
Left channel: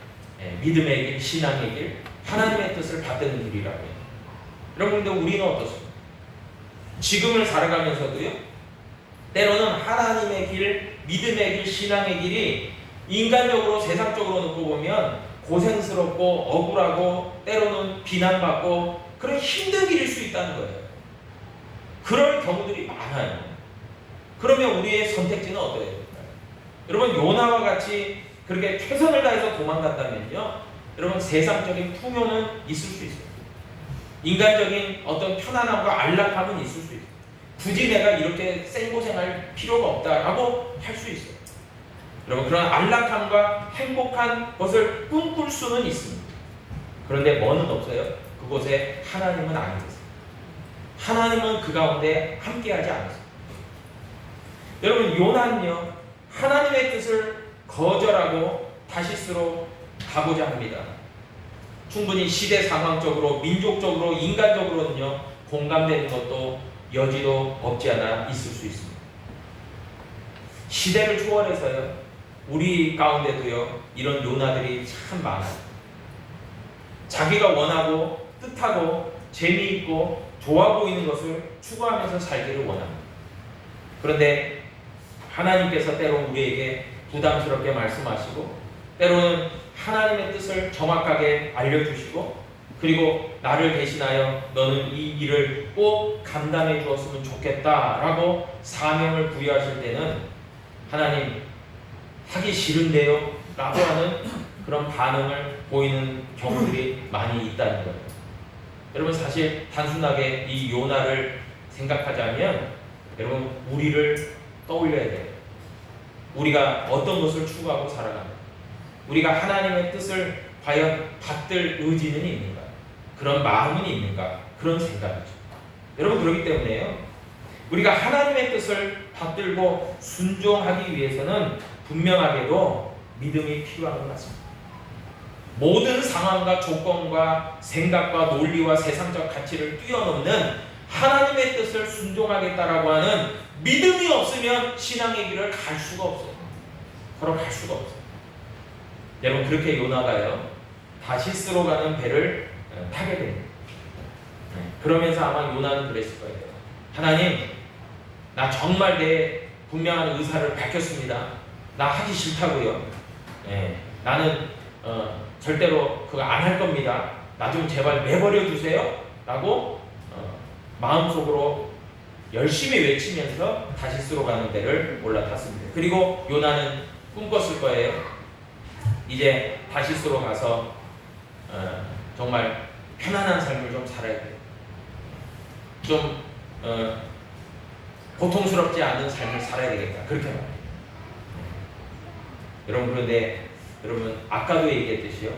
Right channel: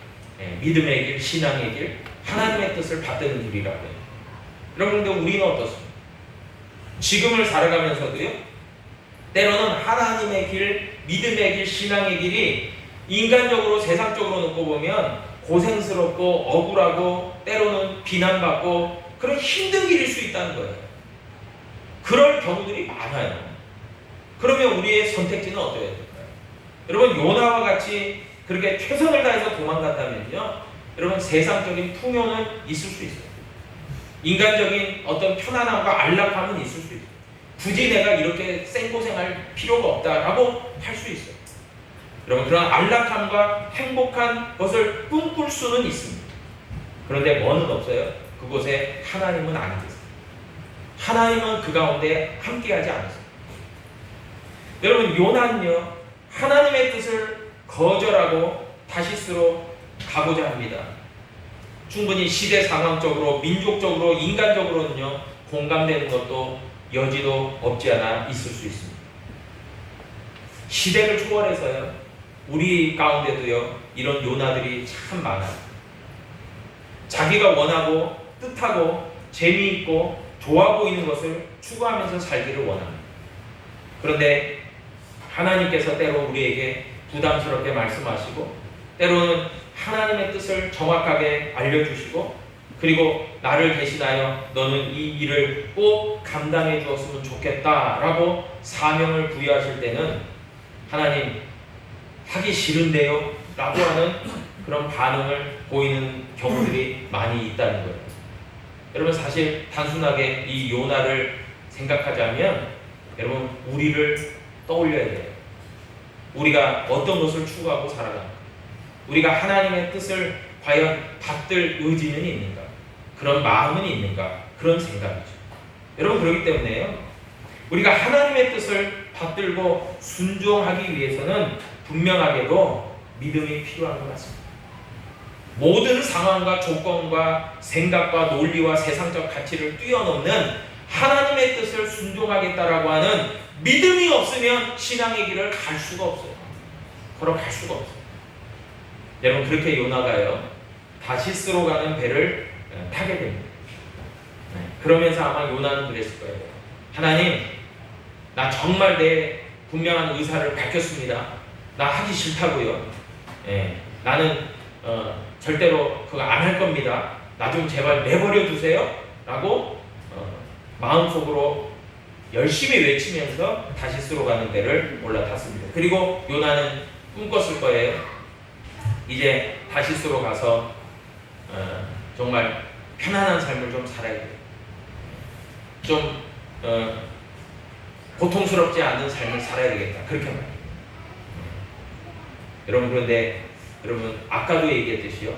믿음의 길, 신앙의 길, 하나님의 뜻을 받드는 길이라고 해요. 여러분, 근데 우리는 어떻습니까? 지금을 살아가면서도요 때로는 하나님의 길, 믿음의 길, 신앙의 길이 인간적으로 세상적으로 놓고 보면 고생스럽고 억울하고 때로는 비난받고 그런 힘든 길일 수 있다는 거예요. 그럴 경우들이 많아요. 그러면 우리의 선택지는 어떻게 될까요? 여러분, 요나와 같이 그렇게 최선을 다해서 도망간다면요 여러분 세상적인 풍요는 있을 수 있어요. 인간적인 어떤 편안함과 안락함은 있을 수 있어요. 굳이 내가 이렇게 생고생할 필요가 없다라고 할 수 있어요. 여러분, 그런 안락함과 행복한 것을 꿈꿀 수는 있습니다. 그런데 뭐는 없어요? 그곳에 하나님은 안 계세요. 하나님은 그 가운데 함께하지 않습니다. 여러분, 요나는요 하나님의 뜻을 거절하고 다시스로 가고자 합니다. 충분히 시대 상황적으로, 민족적으로, 인간적으로는요 공감되는 것도 여지도 없지 않아 있을 수 있습니다. 시대를 초월해서요 우리 가운데도요 이런 요나들이 참 많아요. 자기가 원하고 뜻하고 재미있고 좋아 보이는 것을 추구하면서 살기를 원합니다. 그런데 하나님께서 때로 우리에게 부담스럽게 말씀하시고 때로는 하나님의 뜻을 정확하게 알려주시고 그리고 나를 대신하여 너는 이 일을 꼭 감당해 주었으면 좋겠다라고 사명을 부여하실 때는 하나님 하기 싫은데요 라고 하는 그런 반응을 보이는 경우들이 많이 있다는 거예요. 여러분 사실 단순하게 이 요나를 생각하자면 여러분 우리를 떠올려야 돼요. 우리가 어떤 것을 추구하고 살아가는가, 우리가 하나님의 뜻을 과연 받들 의지는 있는가, 그런 마음은 있는가, 그런 생각이죠. 여러분 그렇기 때문에요, 우리가 하나님의 뜻을 받들고 순종하기 위해서는 분명하게도 믿음이 필요한 것 같습니다. 모든 상황과 조건과 생각과 논리와 세상적 가치를 뛰어넘는 하나님의 뜻을 순종하겠다라고 하는 믿음이 없으면 신앙의 길을 갈 수가 없어요. 걸어갈 수가 없어요. 여러분 그렇게 요나가요 다시스로 가는 배를 타게 됩니다. 그러면서 아마 요나는 그랬을 거예요. 하나님, 나 정말 내 분명한 의사를 밝혔습니다. 나 하기 싫다고요. 나는 절대로 그거 안 할 겁니다. 나 좀 제발 내버려 두세요. 라고 마음속으로 열심히 외치면서 다시스로 가는 배를 올라탔습니다. 그리고 요나는 꿈꿨을 거예요. 이제 다시스로 가서 정말 편안한 삶을 좀 살아야 돼요. 좀 고통스럽지 않은 삶을 살아야 되겠다. 그렇게 말해요. 여러분 그런데 여러분 아까도 얘기했듯이요,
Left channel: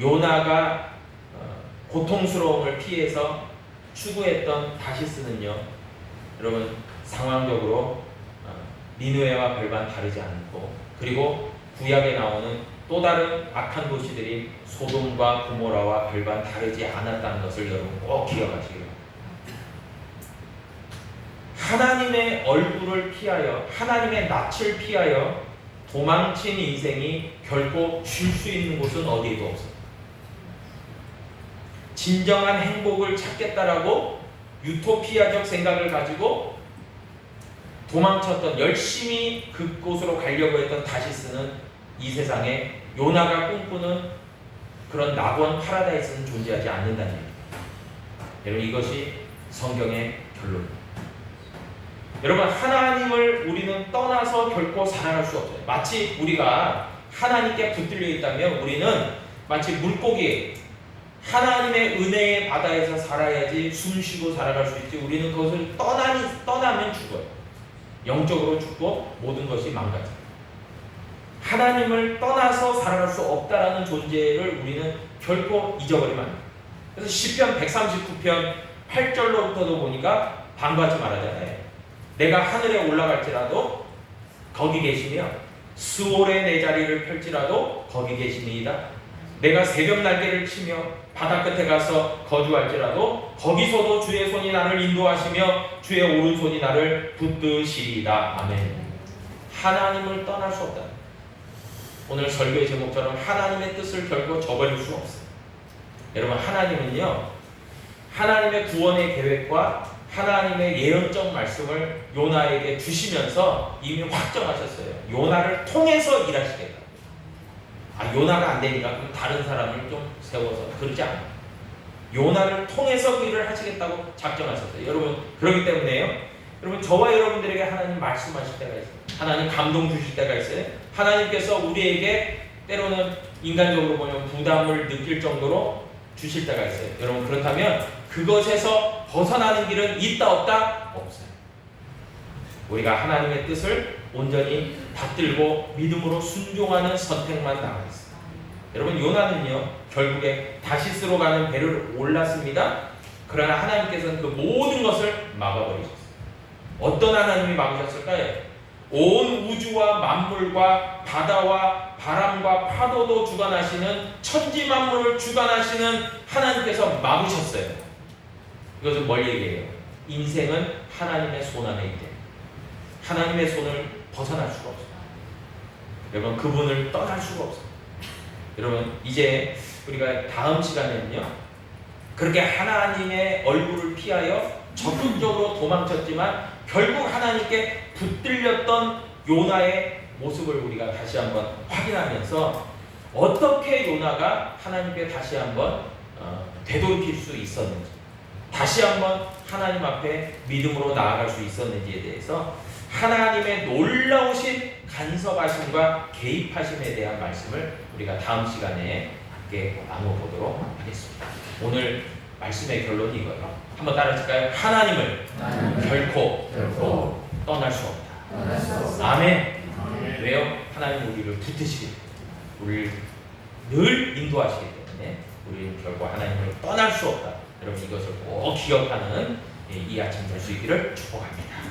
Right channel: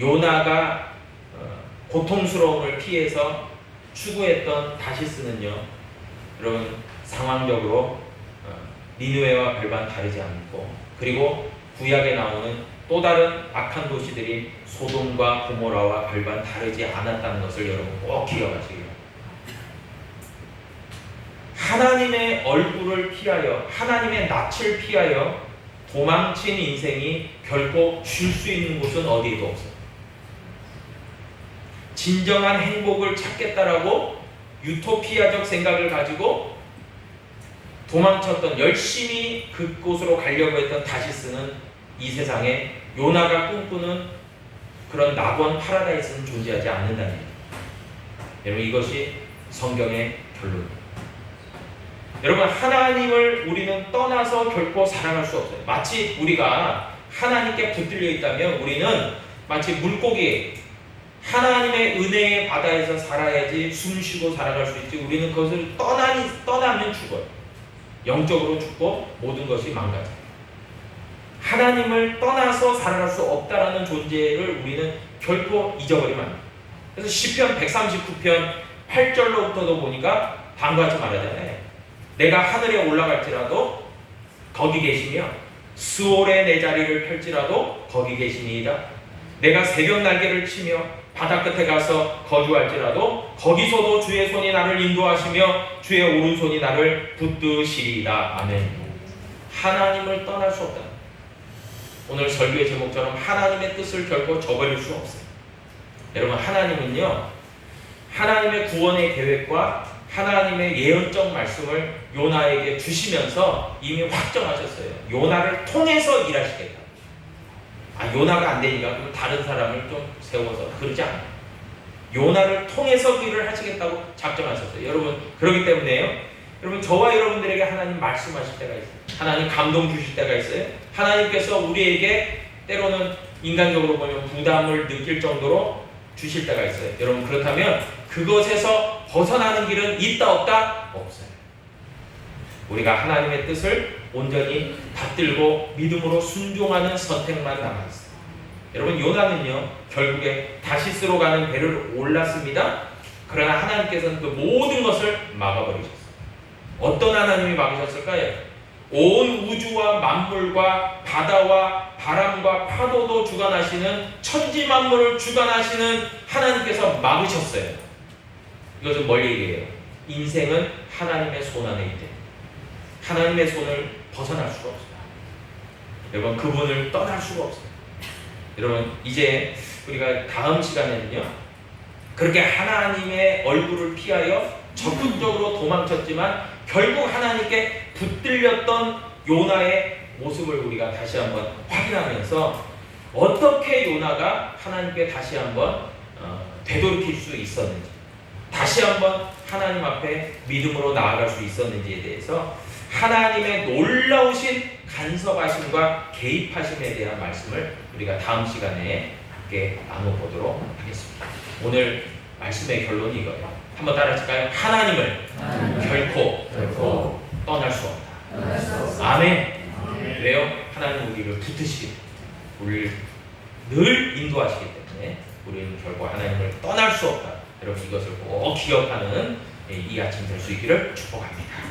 요나가 고통스러움을 피해서 추구했던 다시스는요, 여러분 상황적으로 니느웨와 별반 다르지 않고, 그리고 구약에 나오는 또 다른 악한 도시들이 소돔과 고모라와 별반 다르지 않았다는 것을 여러분 꼭 기억하시기 바랍니다. 하나님의 얼굴을 피하여, 하나님의 낯을 피하여 도망친 인생이 결코 쉴 수 있는 곳은 어디에도 없어요. 진정한 행복을 찾겠다라고 유토피아적 생각을 가지고 도망쳤던, 열심히 그곳으로 가려고 했던 다시스는 이 세상에 요나가 꿈꾸는 그런 낙원 파라다이스는 존재하지 않는다는 얘기입니다. 여러분 이것이 성경의 결론입니다. 여러분 하나님을 우리는 떠나서 결코 살아갈 수 없어요. 마치 우리가 하나님께 붙들려 있다면 우리는 마치 물고기, 하나님의 은혜의 바다에서 살아야지 숨쉬고 살아갈 수 있지, 우리는 그것을 떠나면 죽어요. 영적으로 죽고 모든 것이 망가져요. 하나님을 떠나서 살아갈 수 없다라는 존재를 우리는 결코 잊어버리면 안 돼요. 그래서 시편 139편 8절로부터도 보니까 방구하지 말아야 돼. 내가 하늘에 올라갈지라도 거기 계시며 스올에 내 자리를 펼지라도 거기 계시니이다. 내가 새벽 날개를 치며 바다 끝에 가서 거주할지라도 거기서도 주의 손이 나를 인도하시며 주의 오른손이 나를 붙드시리이다. 아멘. 하나님을 떠날 수 없다. 오늘 설교의 제목처럼 하나님의 뜻을 결코 저버릴 수 없어요. 여러분 하나님은요, 하나님의 구원의 계획과 하나님의 예언적 말씀을 요나에게 주시면서 이미 확정하셨어요. 요나를 통해서 일하시겠다. 요나가 안 되니까 그럼 다른 사람을 좀 세워서, 그렇지 않아요. 요나를 통해서 일을 하시겠다고 작정하셨어요. 여러분 그렇기 때문에요, 여러분 저와 여러분들에게 하나님 말씀하실 때가 있어요. 하나님 감동 주실 때가 있어요. 하나님께서 우리에게 때로는 인간적으로 보면 부담을 느낄 정도로 주실 때가 있어요. 여러분 그렇다면 그것에서 벗어나는 길은 있다 없다? 없어요. 우리가 하나님의 뜻을 온전히 받들고 믿음으로 순종하는 선택만 남아있어요. 여러분 요나는요 결국에 다시스로 가는 배를 올랐습니다. 그러나 하나님께서는 그 모든 것을 막아버리셨어요. 어떤 하나님이 막으셨을까요? 온 우주와 만물과 바다와 바람과 파도도 주관하시는 천지 만물을 주관하시는 하나님께서 막으셨어요. 이것은 뭘 얘기해요? 인생은 하나님의 손 안에 있대. 하나님의 손을 벗어날 수가 없어요. 여러분 그분을 떠날 수가 없어요. 여러분 이제 우리가 다음 시간에는요, 그렇게 하나님의 얼굴을 피하여 적극적으로 도망쳤지만 결국 하나님께 붙들렸던 요나의 모습을 우리가 다시 한번 확인하면서 어떻게 요나가 하나님께 다시 한번 되돌이킬 수 있었는지, 다시 한번 하나님 앞에 믿음으로 나아갈 수 있었는지에 대해서 하나님의 놀라우신 간섭하심과 개입하심에 대한 말씀을 우리가 다음 시간에 함께 나눠보도록 하겠습니다. 오늘 말씀의 결론이 이거예요. 한번 따라할까요? 하나님을 결코 떠날 수 없다. 아멘. 왜요? 하나님 우리를 붙드시기 때문에, 우리를 늘 인도하시기 때문에 우리는 결코 하나님을 떠날 수 없다. 여러분 이것을 꼭 기억하는 이 아침 될 수 있기를 축복합니다.